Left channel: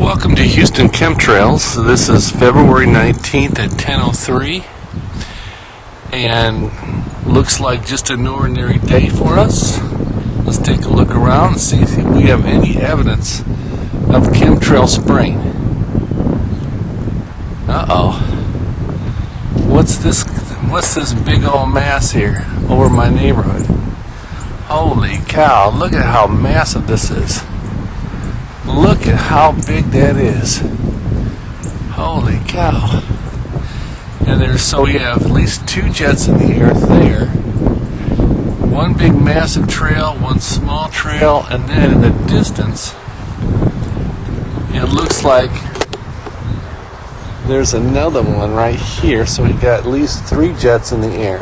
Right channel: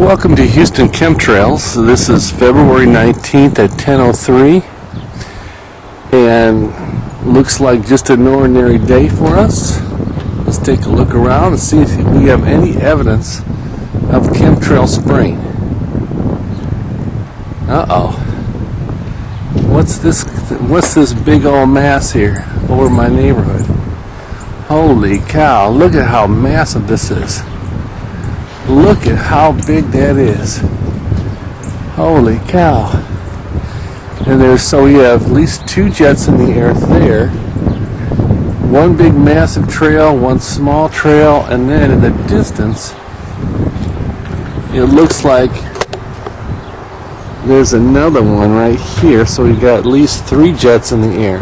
Welcome to Houston Chemtrails. This is February 19th at 10:03, and looks like just an ordinary day for us. Let's take a look around and see if we have any evidence of chemtrail spraying. Uh-oh. What's this big old mass here over my neighborhood? Holy cow, look at how massive this is. Look at how big that is. Holy cow. And so we have at least two jets in the air there. One big massive trail, one small trail, and then in the distance, it looks like there's another one right here. So we've got at least three jets in the air.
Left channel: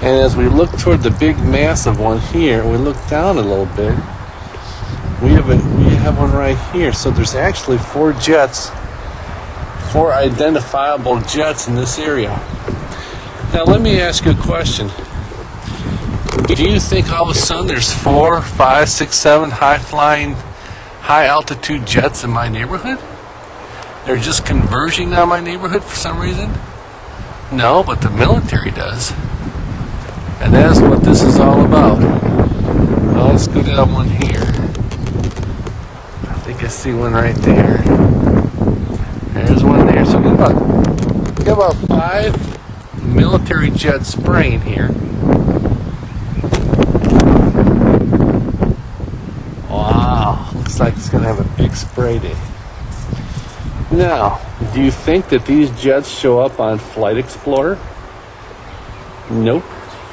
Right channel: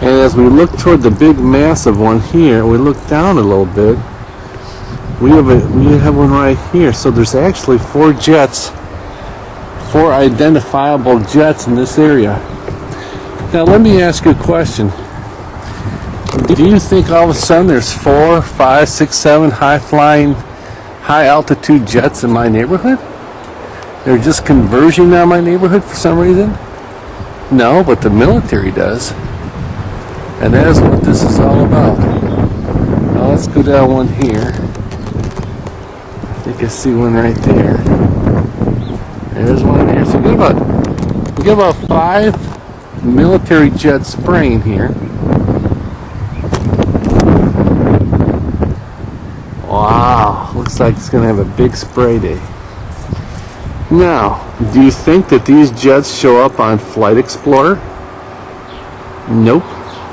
And as we look toward the big massive one here, we look down a little bit. We have one right here, so there's actually four identifiable jets in this area. Now let me ask you a question. Do you think all of a sudden there's 4, 5, 6, 7 high-flying, high-altitude jets in my neighborhood? They're just converging on my neighborhood for some reason? No, but the military does. And that's what this is all about. Well, let's go down one here. I think I see one right there. There's one there. So we got about 5 military jets spraying here. Wow, looks like it's going to have a big spray day. Now, do you think that these jets show up on Flight Explorer? Nope.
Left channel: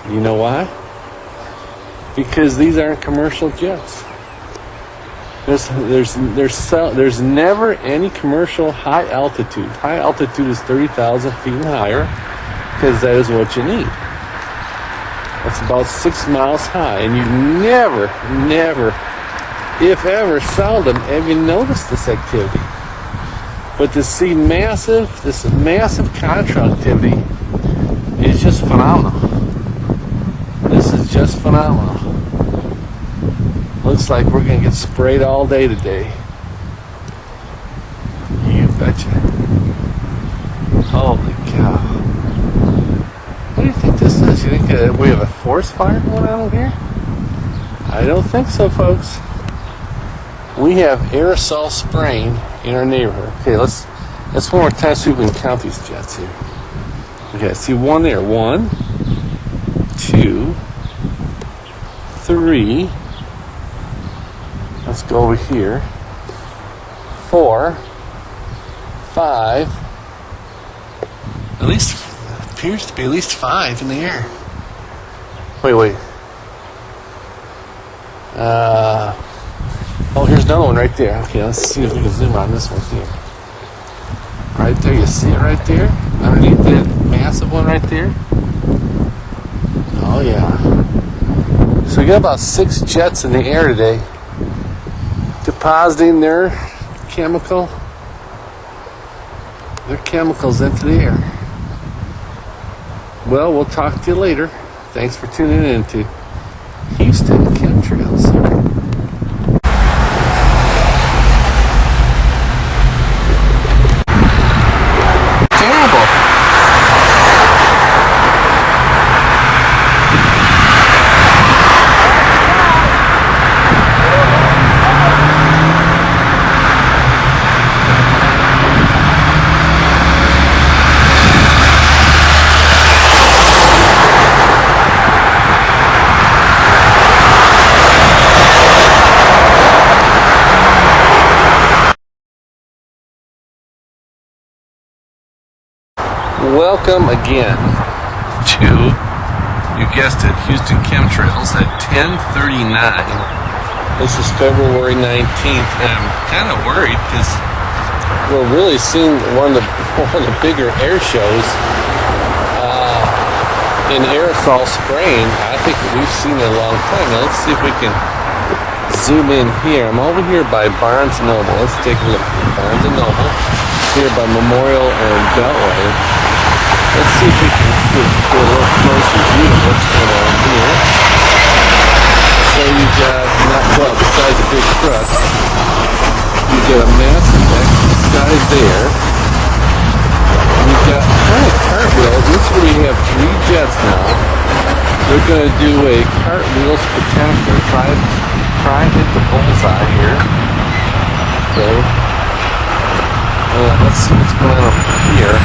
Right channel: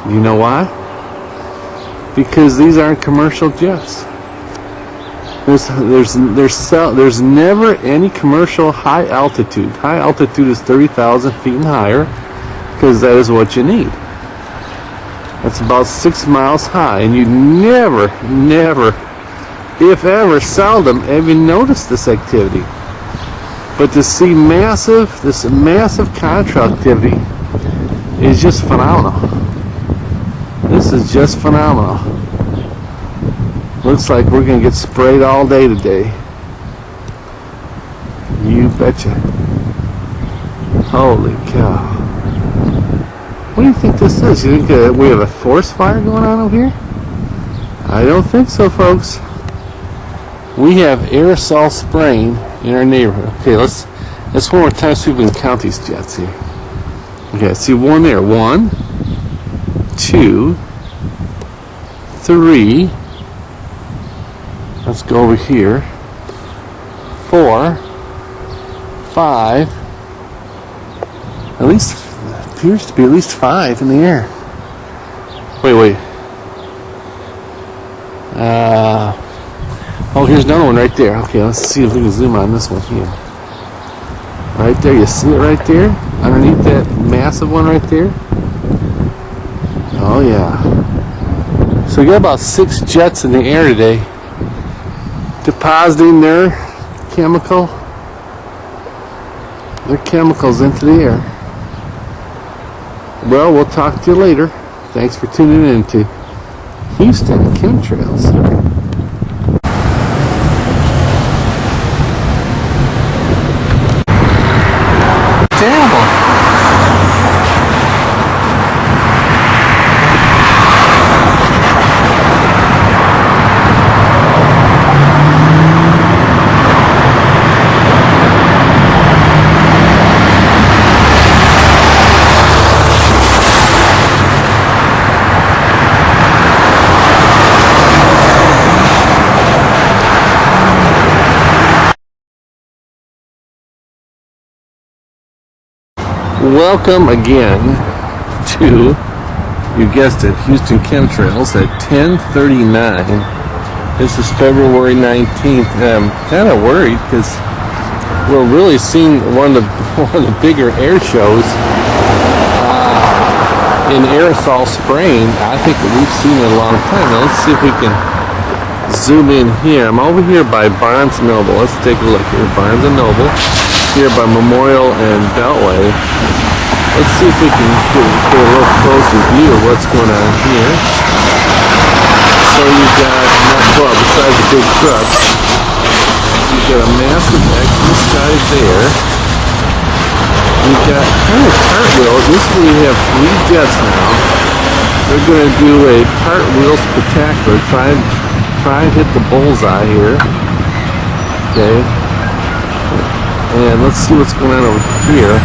Do you know why? Because these aren't commercial jets. There's never any commercial high altitude. High altitude is 30,000 feet and higher, because that is what you need. That's about 6 miles high, and you never, if ever, seldom have you noticed this activity. But to see this massive contrail activity is just phenomenal. This is just phenomenal. Looks like we're going to get sprayed all day today. You betcha. Holy cow. What do you think this is? You think we have a forest fire going on over here? I don't think so, folks. We have aerosol spraying in our neighborhood. Okay, let's one more time see if we can count these jets here. Okay, see one there. 1, 2, 3. Let's go over here. 4, 5. At least appears to be at least 5 in the air. Wait. Oh, here's another one right there. Okay, let's see if we can zoom on this one here. Right there, you see it right there? Underneath that massive one right there? Oh yeah. So we got about 6 jets in the air today, depositing their chemicals into the air. Well, we'll talk to you later. Thanks for tuning in to Houston Chemtrails. Welcome again to, you guessed it, Houston Chemtrails at 10:39. This is February 19th, and I'm kind of worried because we're really seeing one of the bigger air shows in aerosol spraying. I think that we've seen it a long time. Now let's see if we can zoom in here. I'm over here by Barnes & Noble. Let's take a look here. Barnes & Noble, here by Memorial and Beltway. Let's see if we can get a little closer view of what's going on here. So you've got, well, besides the big trucks, You've got a massive exit sky there. You've got cartwheel. This is where you have 3 jets now. They're going to do a cartwheel spectacular. Try and hit the bullseye here. Okay. And let's see what's going on over here.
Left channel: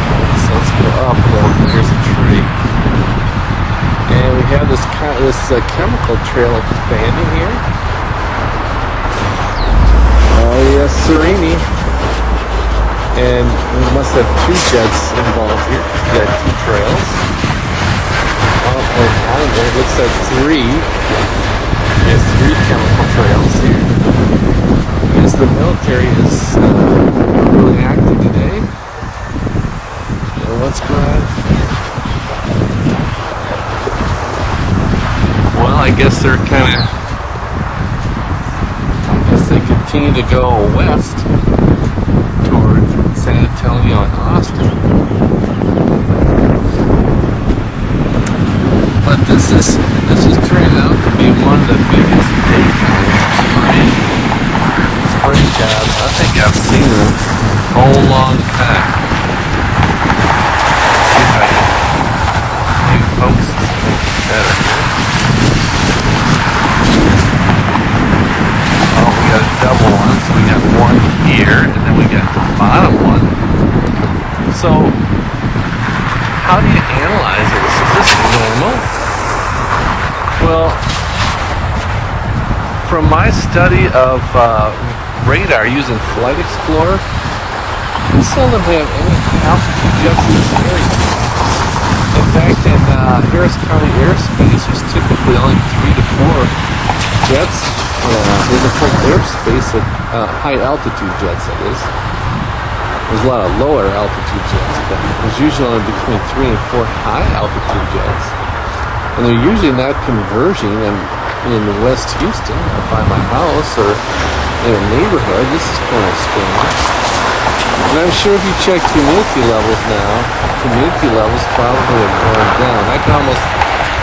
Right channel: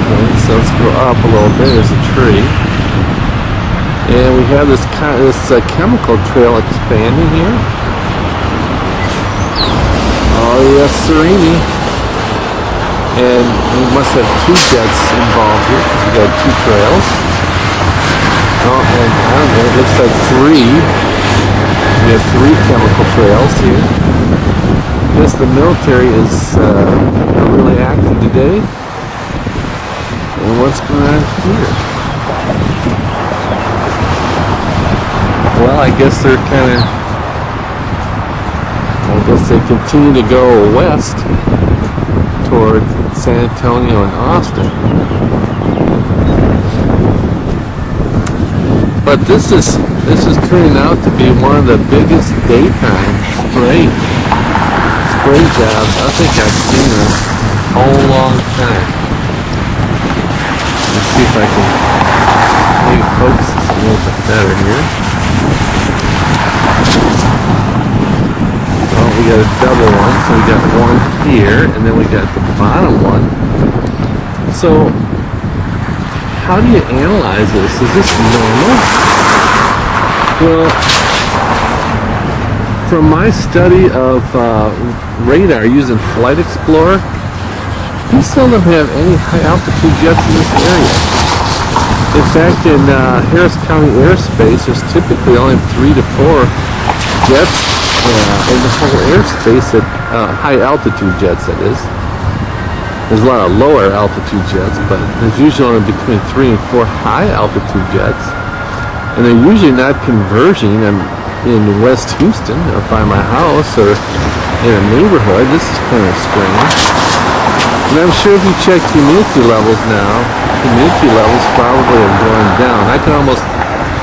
Okay, so let's go up a little bit. There's a tree. And we have this chemical trail expanding here. Oh yes, sireni. And we must have 2 jets involved here. We got 2 trails. Oh, and on there it looks like 3. We have 3 chemical trails here. I guess the military is they're really active today. And what's going on here? Well, I guess they're I guess they continue to go west toward San Antonio and Austin. But this is turning out to be one of the biggest daytime spray jobs I think I've seen in a whole long time. Let's see if I can maybe focus this a little bit better here. Oh, we got a double one, so we got one here, and then we got the bottom one. So, how do you analyze this? Is this normal? Well, from my study of radar using Flight Explorer, we seldom have any high altitude jets in this area. In fact, in Harris County airspace, there's typically only 3 to 4 jets in the whole airspace at high altitude jets, that is. There's a lot of lower altitude jets, but there's usually only between 3 and 4 high altitude jets. And they're usually not converging in West Houston or by my house or in a neighborhood. This is kind of strange. And I'm sure if you check humidity levels now, humidity levels probably are going down. I can almost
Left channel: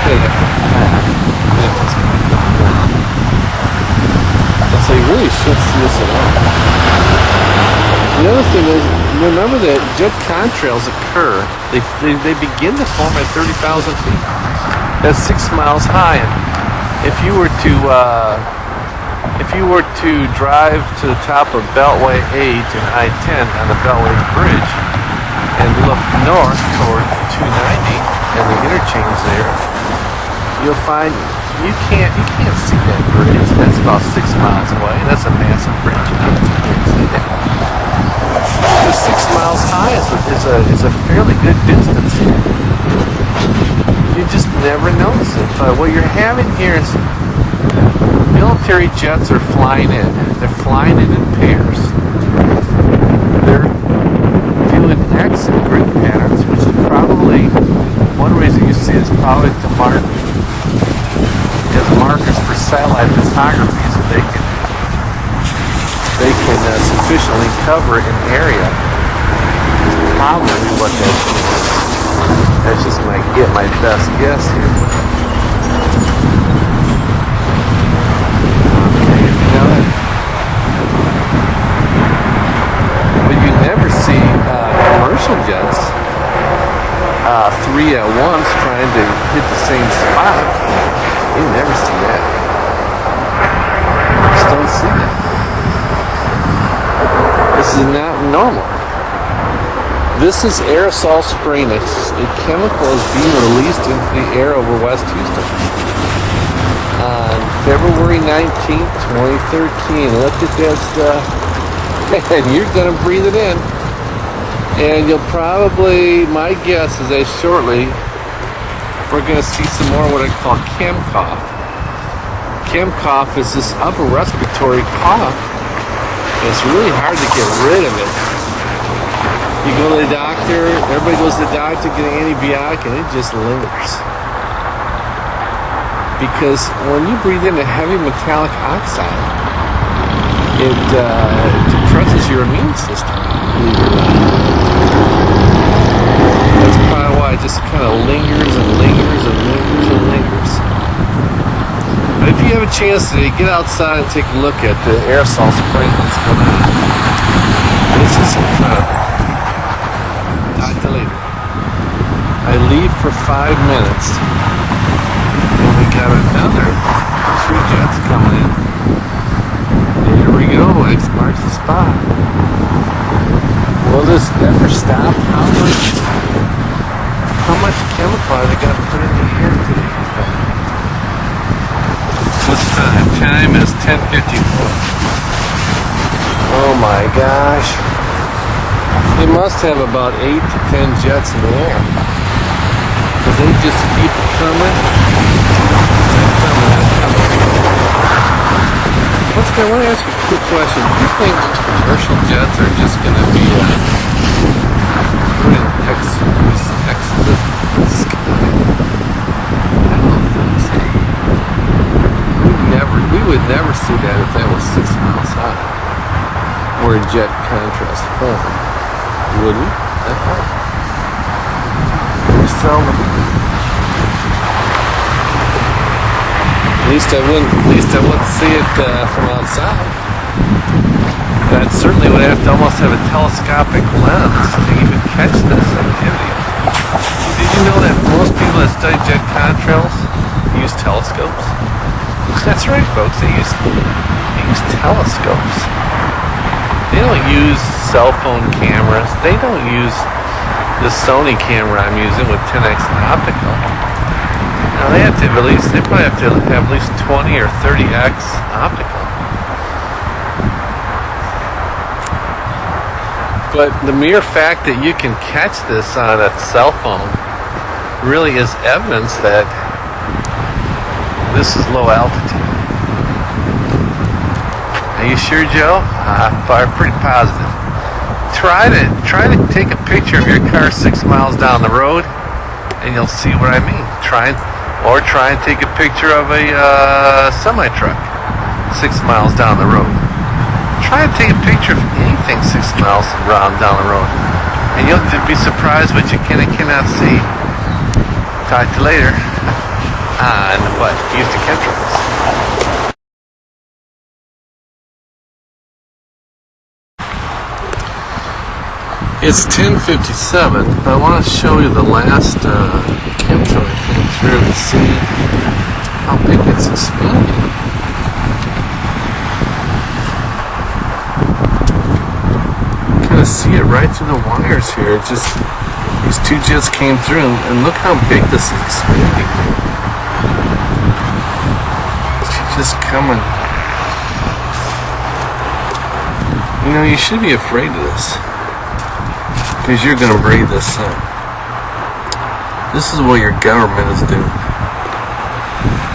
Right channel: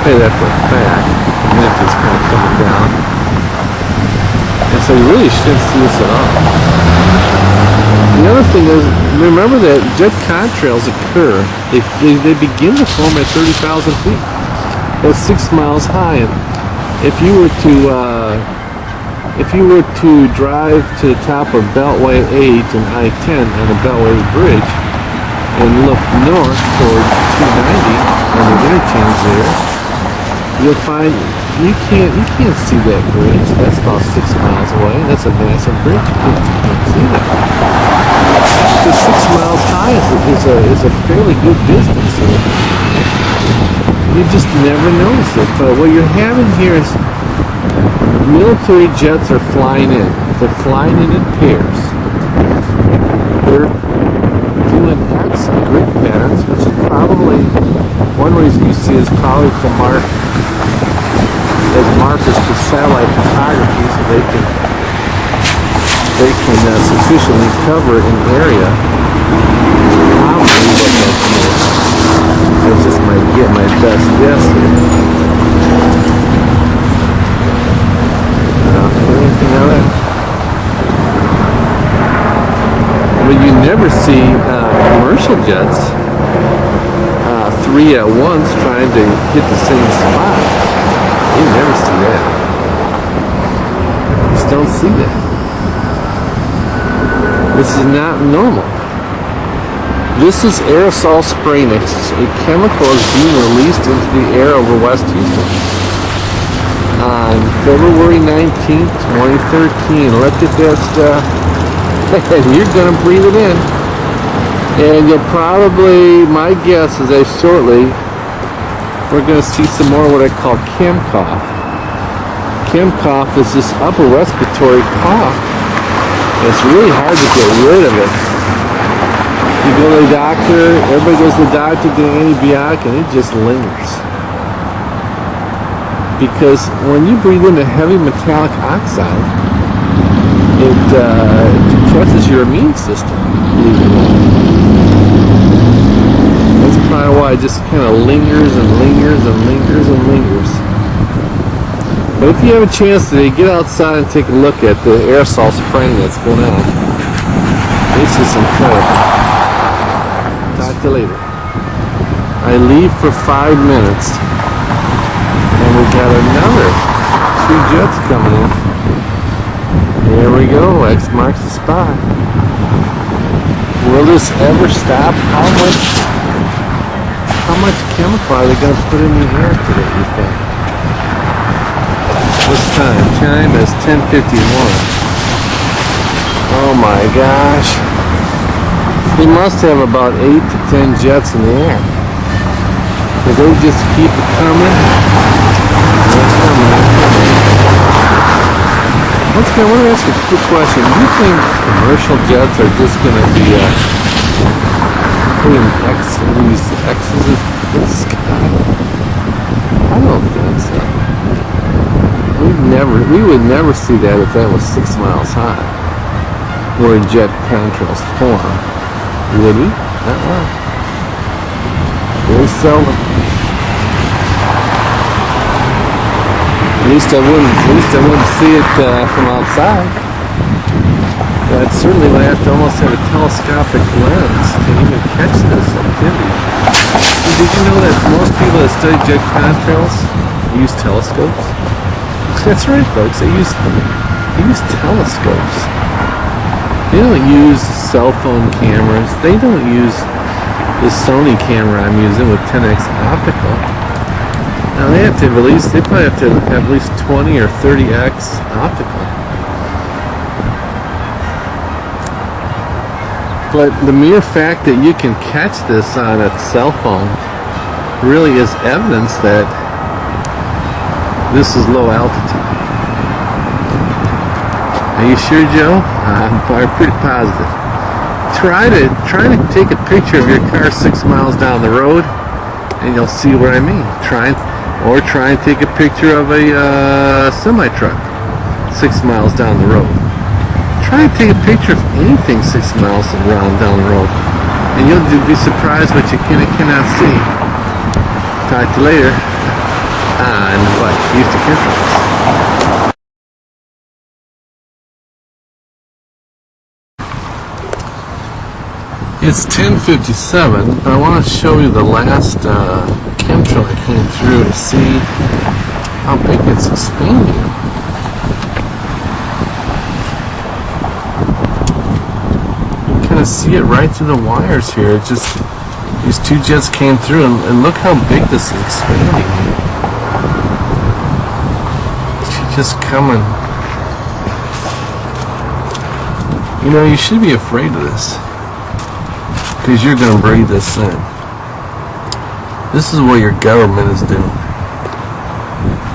say that for a fact. Humidity is kind of coming down. And so you really shouldn't see this at all. The other thing is, remember that jet contrails occur. They begin to form at 30,000 feet. That's 6 miles high. And if you were to drive to the top of Beltway 8 and I-10 on the Beltway Bridge and look north toward 290 and the interchange there, you'll find you can't see that bridge. That's about 6 miles away. That's a massive bridge. You can't see that. The 6 miles high is a fairly good distance here. You just never notice it. But what you're having here is military jets are flying in. They're flying in pairs. They're doing X and grid patterns, which is probably one reason you see is probably to mark as markers for satellite photography, so they can sufficiently cover an area. Probably what that is. That's just my best guess here. Okay, anything else? Well, you never see commercial jets 3 at once trying to hit the same spot. You never see that. You just don't see that. This is not normal. This is aerosol spray. A chemical is being released into the air over West Houston on February 19th, 2013. Look at that stuff. And you're going to breathe it in. And you'll probably, my guess is that shortly, we're going to see some more what I call chem cough. Chem cough is this upper respiratory cough. It's really hard to get rid of it. You go to the doctor, everybody goes to the doctor getting antibiotic, and it just lingers. Because when you breathe in a heavy metallic oxide, it depresses your immune system. That's probably why it just kind of lingers and lingers and lingers and lingers. But if you have a chance today, get outside and take a look at the aerosol spraying that's going on. This is incredible. Talk to you later. I leave for 5 minutes, and we got another 2 jets coming in. There we go. X marks the spot. Will this ever stop? How much chemical are they going to put in the air today, you think? What's time? Time is 10:51. Oh my gosh. They must have about 8 to 10 jets in the air. Because they just keep coming. Once again, I want to ask you a quick question. Do you think commercial jets are just going to be putting these X's up in the sky? I don't think so. We would never see that if that was 6 miles high, where jet contrails form. Would we? Very seldom. At least I wouldn't see it from outside. But I certainly would have to almost have a telescopic lens to even catch this activity. Did you know that most people that study jet contrails use telescopes? That's right, folks. They use telescopes. They don't use cell phone cameras. They don't use the Sony camera I'm using with 10x optical. Now they probably have to have at least 20 or 30x optical. But the mere fact that you can catch this on a cell phone really is evidence that this is low altitude. Are you sure, Joe? I'm pretty positive. Try to take a picture of your car 6 miles down the road, and you'll see what I mean. Try and take a picture of a semi-truck 6 miles down the road. Try and take a picture of anything 6 miles down the road, and you'll be surprised what you can and cannot see. Talk to you later on what? Houston Chemtrails. It's 10:57, but I want to show you the last chemtrail I came through to see how big it's expanding. You can kind of see it right through the wires here. It just, these 2 jets came through, and look how big this is expanding. She's just coming. You know, you should be afraid of this, because you're going to breathe this in. This is what your government is doing.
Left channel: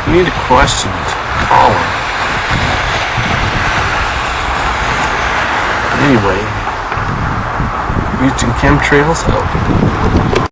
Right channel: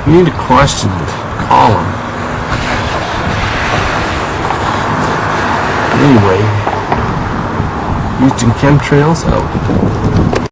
You need to question it. Call them. Anyway, Houston Chemtrails out.